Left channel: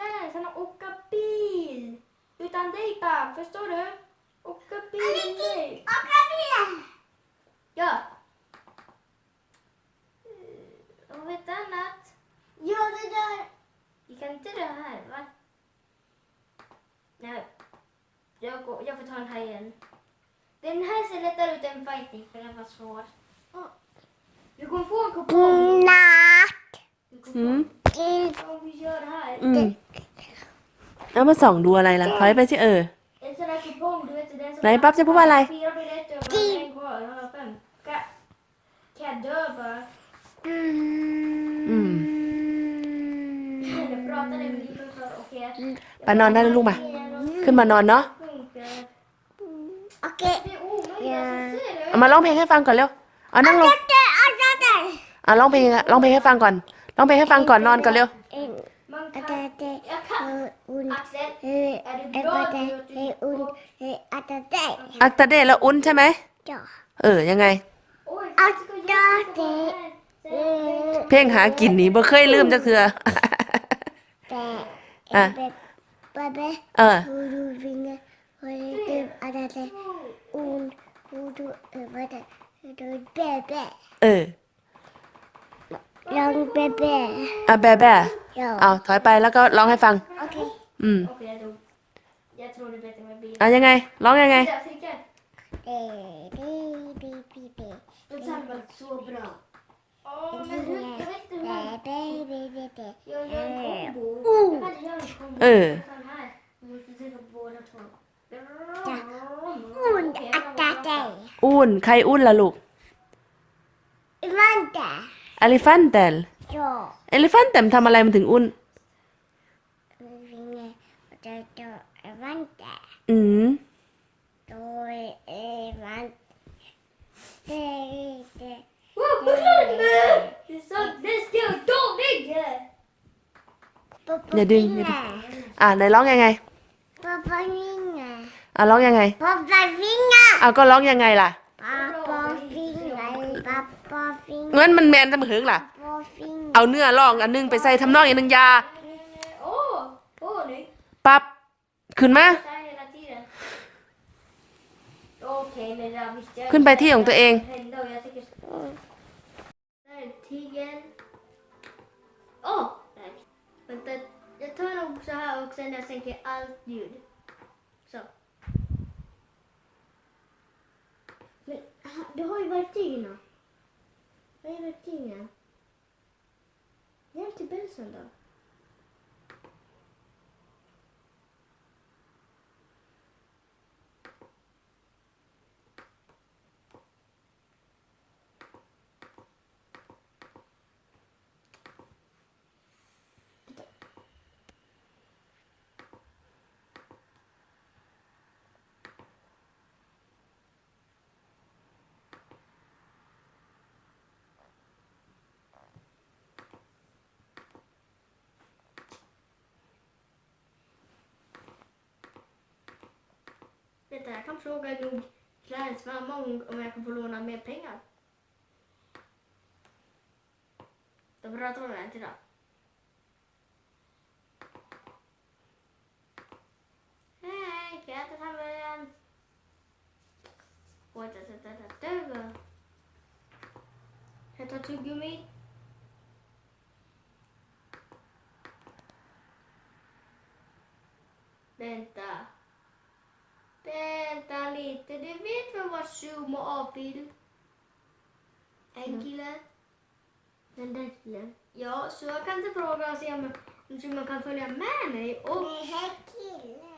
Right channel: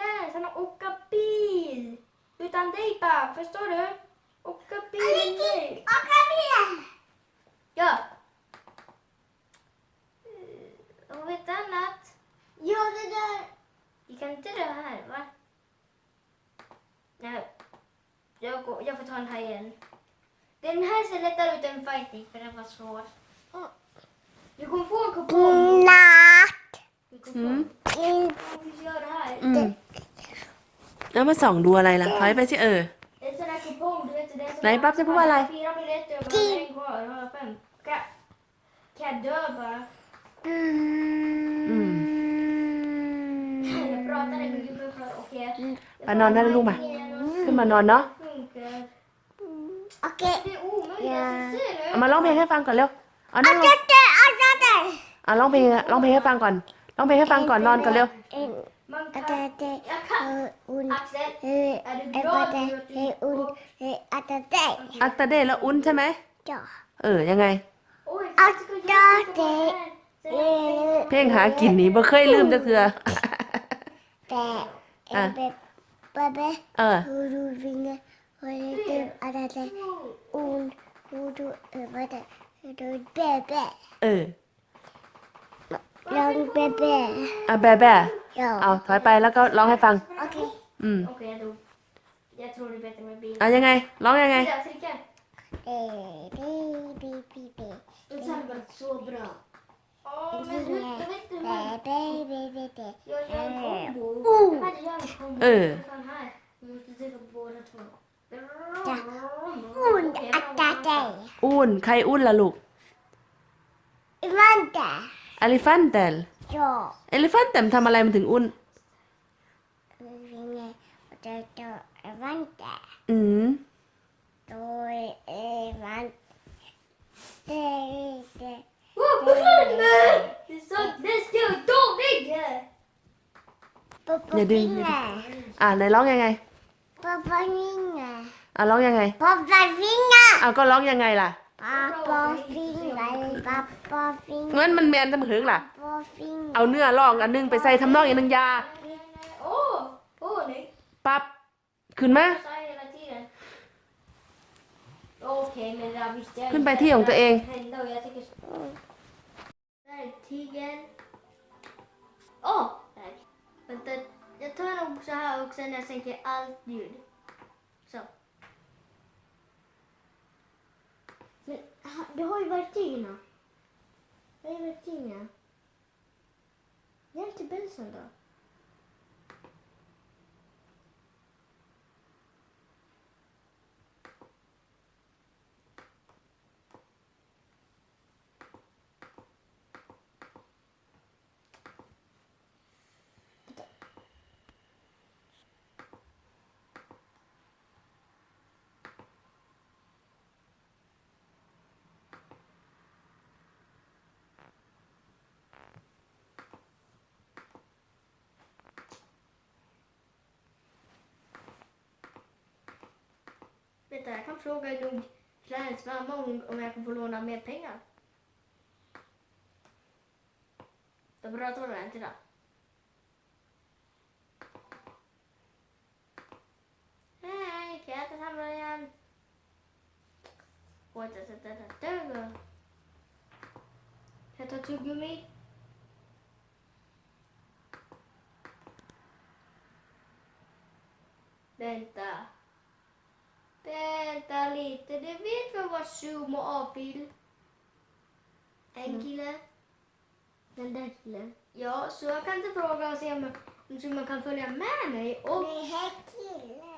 lära sig att åka bil. Utan dig bara, förstår du? Åka bil nu. Åka bil! Ja. Eh, och vet du annat? Ja, det där. Vi kan inte dra här, va? Nej. Jag, går, jag får ta den här igen. Den här ser lättare ut än fighting, för den var svår. Du kommer få en kupong. Natt. Mm. Vi gör det här. Mm. แล้วมาส่องดูอะไรล่ะถอยไปสิเออ ไหนปั๊บจะพูดว่าอะไรอืมไปนอนได้ลูกมา ขึ้นมานอนเนาะ โอเคเอามาร้องเพลงให้ฟังก่อนเร็วเอานั่งลงเอ่ร้องเพลงร้องเพลงให้ฟังก่อนร้องเพลงให้ฟังก่อน นอนก่อนเร็ว Atate un atate un atate atate แล้วอุ่นใช่ไหมจ้ะเออยังไงอัตาเตเพ่งหากินนี่บ่เคยลืมจักเทื่อแต่เป๊ะเป๊ะเออูดูวิ่งเลยเอาแต่อุ่นฮูดูเออมาแต่โดนเป๊ะเออลองเป๊ะเป๊ะอ่ะเป๊ะเป๊ะเอาถอยไปแล้วก็ร้องให้ฟัง โอเค อืมเอายังไงร้องยังไงเบบีเออีเบบีเบบีเบบีเบบีเบบีเบเตลีเบบีเเบบชอบเอลิฟันแต้มทำอะไรมันถึงอุ่นยังไงจะจะเอลิฟันแต่อืมโดยเอลิฟันเตะเตะ Nhà đường, nhà đường. อ่าไหนร้องยังไง ป๊อปป i ้ g a อ่าร้องยังไงป p a ป a Vinga อ่าก็ร้องยังไงล่ะ ป๊อปป i ้ g a Papa ป i n g a เงินมันแมนจะมาถึงล่ะ Papa v i เอาเนื้อลองอันนึงไปใส่ทำนองอีกหนึ่งยาโอ้ โอ้นี่ปับขึ้นมาขึ้นไปที่ของตัวเองเดี๋ยวให้ไปทีน่ะให้ไปที่เนี่ย Gerçi ben sana. veta. Jag kan fråga Gubb Clarence mamma om, jag kan få låna mer pengar. Då pratar hon ordentligt idag. Hej, kan jag äta hamburgaren? Kan jag ta tuggummi? heter. Du vet vem vad Zoom och avbild? En mm. kille. Den där killen? Ja, så jag kan inte fråga och se om, om Zoom kan följa med mig. Och... Det här killen.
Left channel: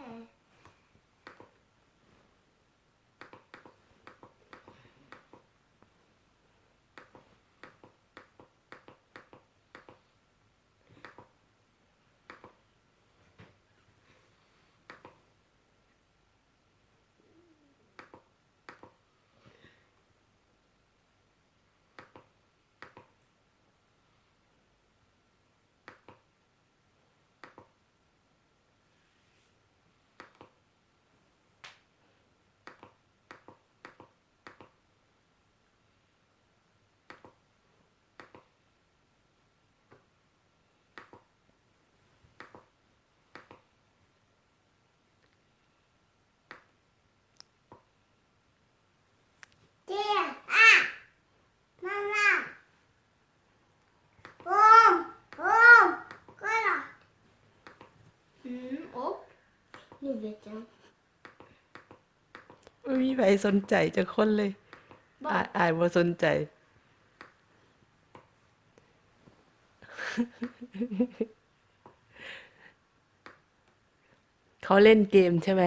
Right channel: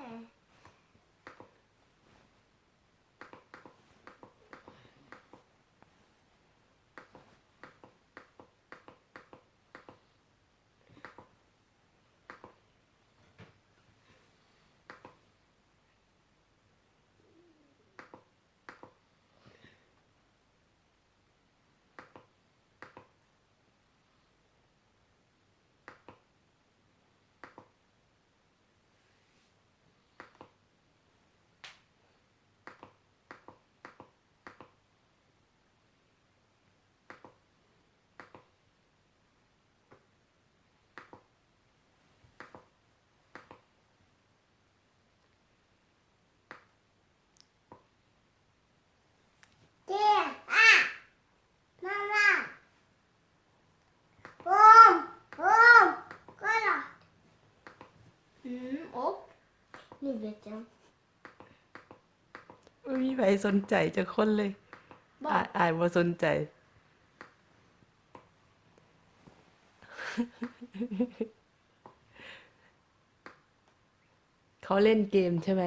เจังไม่มีใครสนใจจะคนเลยอายอายบ่สนใจ เขาเล่นเกมใช่ไหม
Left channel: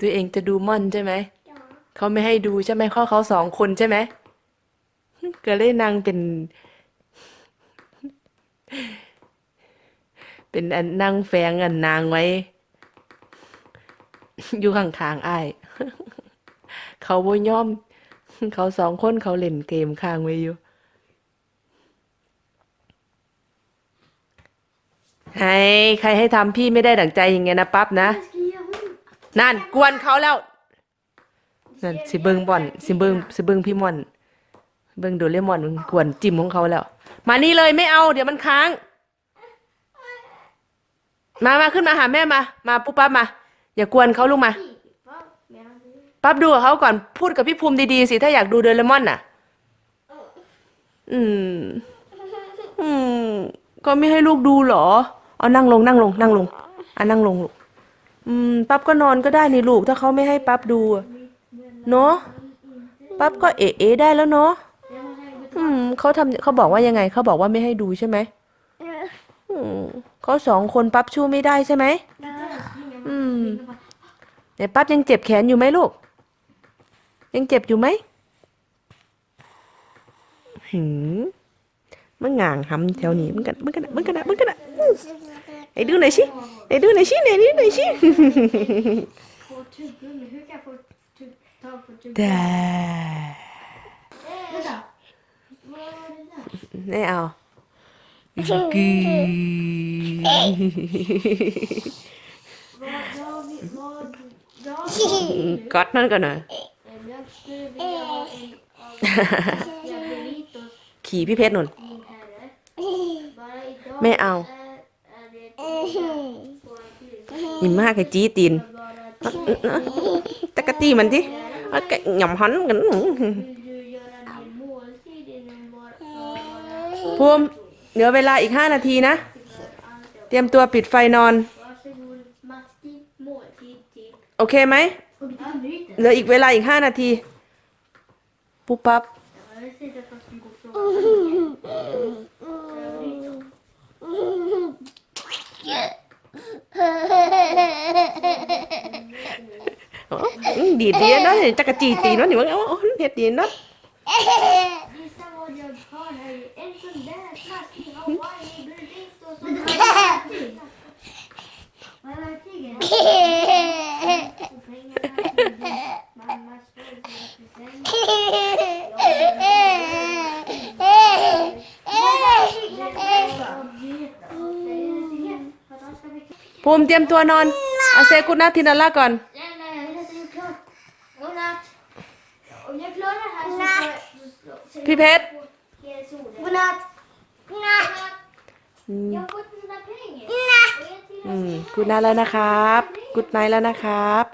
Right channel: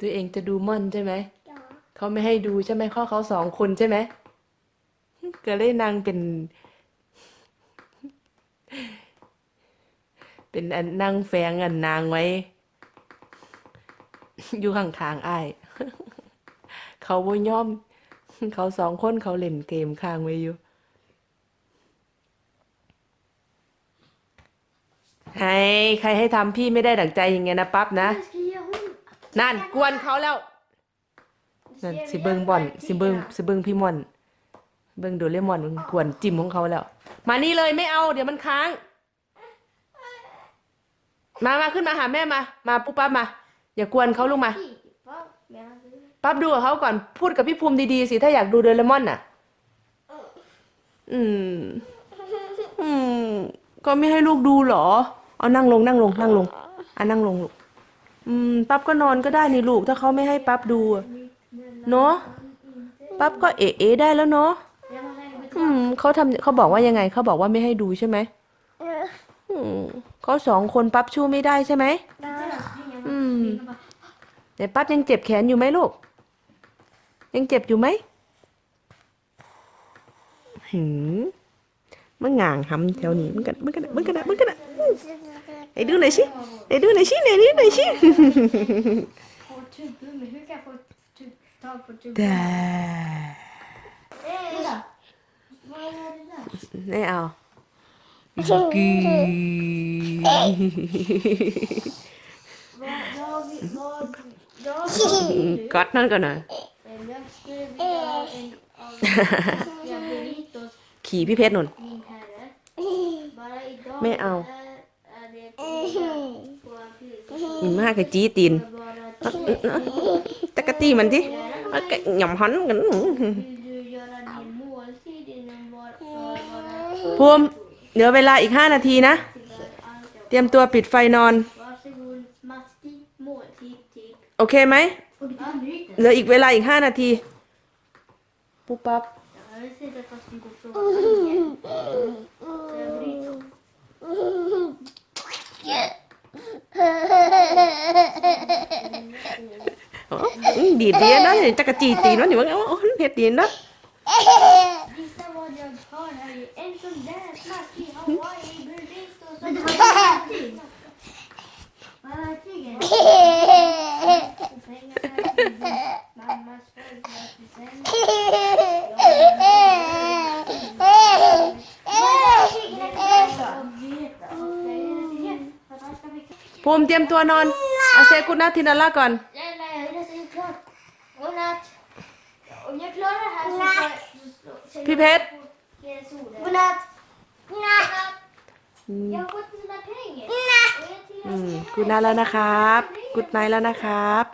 ตัวเองจะดูม่อนใช่ไหม เขาไม่ให้ดูใช่ไหม ข้อเขาสองคนใช่ไหมก็เลยนางเป็น เป็นอันนงแฝงอันนางไว้อยู่ข้างทางไอ้เขาบ่ยอม เขาสองคนเขาเล่นเกมค้างไว้อยู่ไอ้ใครให้ทำพี่ไม่ได้ดั่งใจอย่างเงี้ยนะปั๊บนะนั่น กวนเขาแล้วนั่นสิเบิงบอน สิเบิงสิเบิงพี่มอน เบิงโดเรมอนกวนจิ้มของเขาแล้ว มานี่เลยไม่เอา เดี๋ยวมันค้าง มามาขึ้นมาหาแม่มา มาปุ๊บปั๊บมาอย่ากวนเขาลูกมาปั๊บดูกับเขาก่อนพูดกับพี่ภูมิดีๆสิถ้าอยากดูเดลมอนน่ะ อืม อืม ก็ไม่ให้ลูกดูเหรอ เอานั่งลงนั่ง ลง นั่งลงอ่านั่งลงลูกอืม ปั๊บก็นอนก็ได้นี่ลูก ถ้าเขาไม่ให้ปั๊บดู เนาะปั๊บก็เอ๋เอ ได้แล้วเนาะอืมเขาทำเขาบอกว่ายังไงเขาบอกว่าไม่ให้ดูใช่ไหมอืมเขาสองคนปั๊บชู้ไม่ได้ใช่ไหมไมเดี๋ยวปั๊บยังเจ็บแขนอยู่ไหมลูกยังเจ็บอยู่ไหมหืมมันง่างหำแถวนี้มึงกันมึงกันมึงกันมึงกันไอ้ดูหน่อยสิไอ้ดูหน่อยสิไหนดูหน่อยสิแต่ไม่เอา Good. Gott, n ขี่พี่เพชรนนไม่เอายิ่มากไอ้จี้ตีน ตะกะตีมันดิหย่อมหันกันพูมเดี๋ยวเวลาอีกห้านาทีนะ เตรียมตัวปิดไฟนอนโอเคไหมเหลืออีกเวลา อีกห้านาที ปุ๊บปั๊บ ดีดีนะจักรจีตีนะหนิว่าเห็ดดีนะพูมเตรียมตัวนอน เอาเซกุนาทินาล่าก่อนพี่เพชร กุนาแล้วนะครับ กุดไนแล้วนะครับ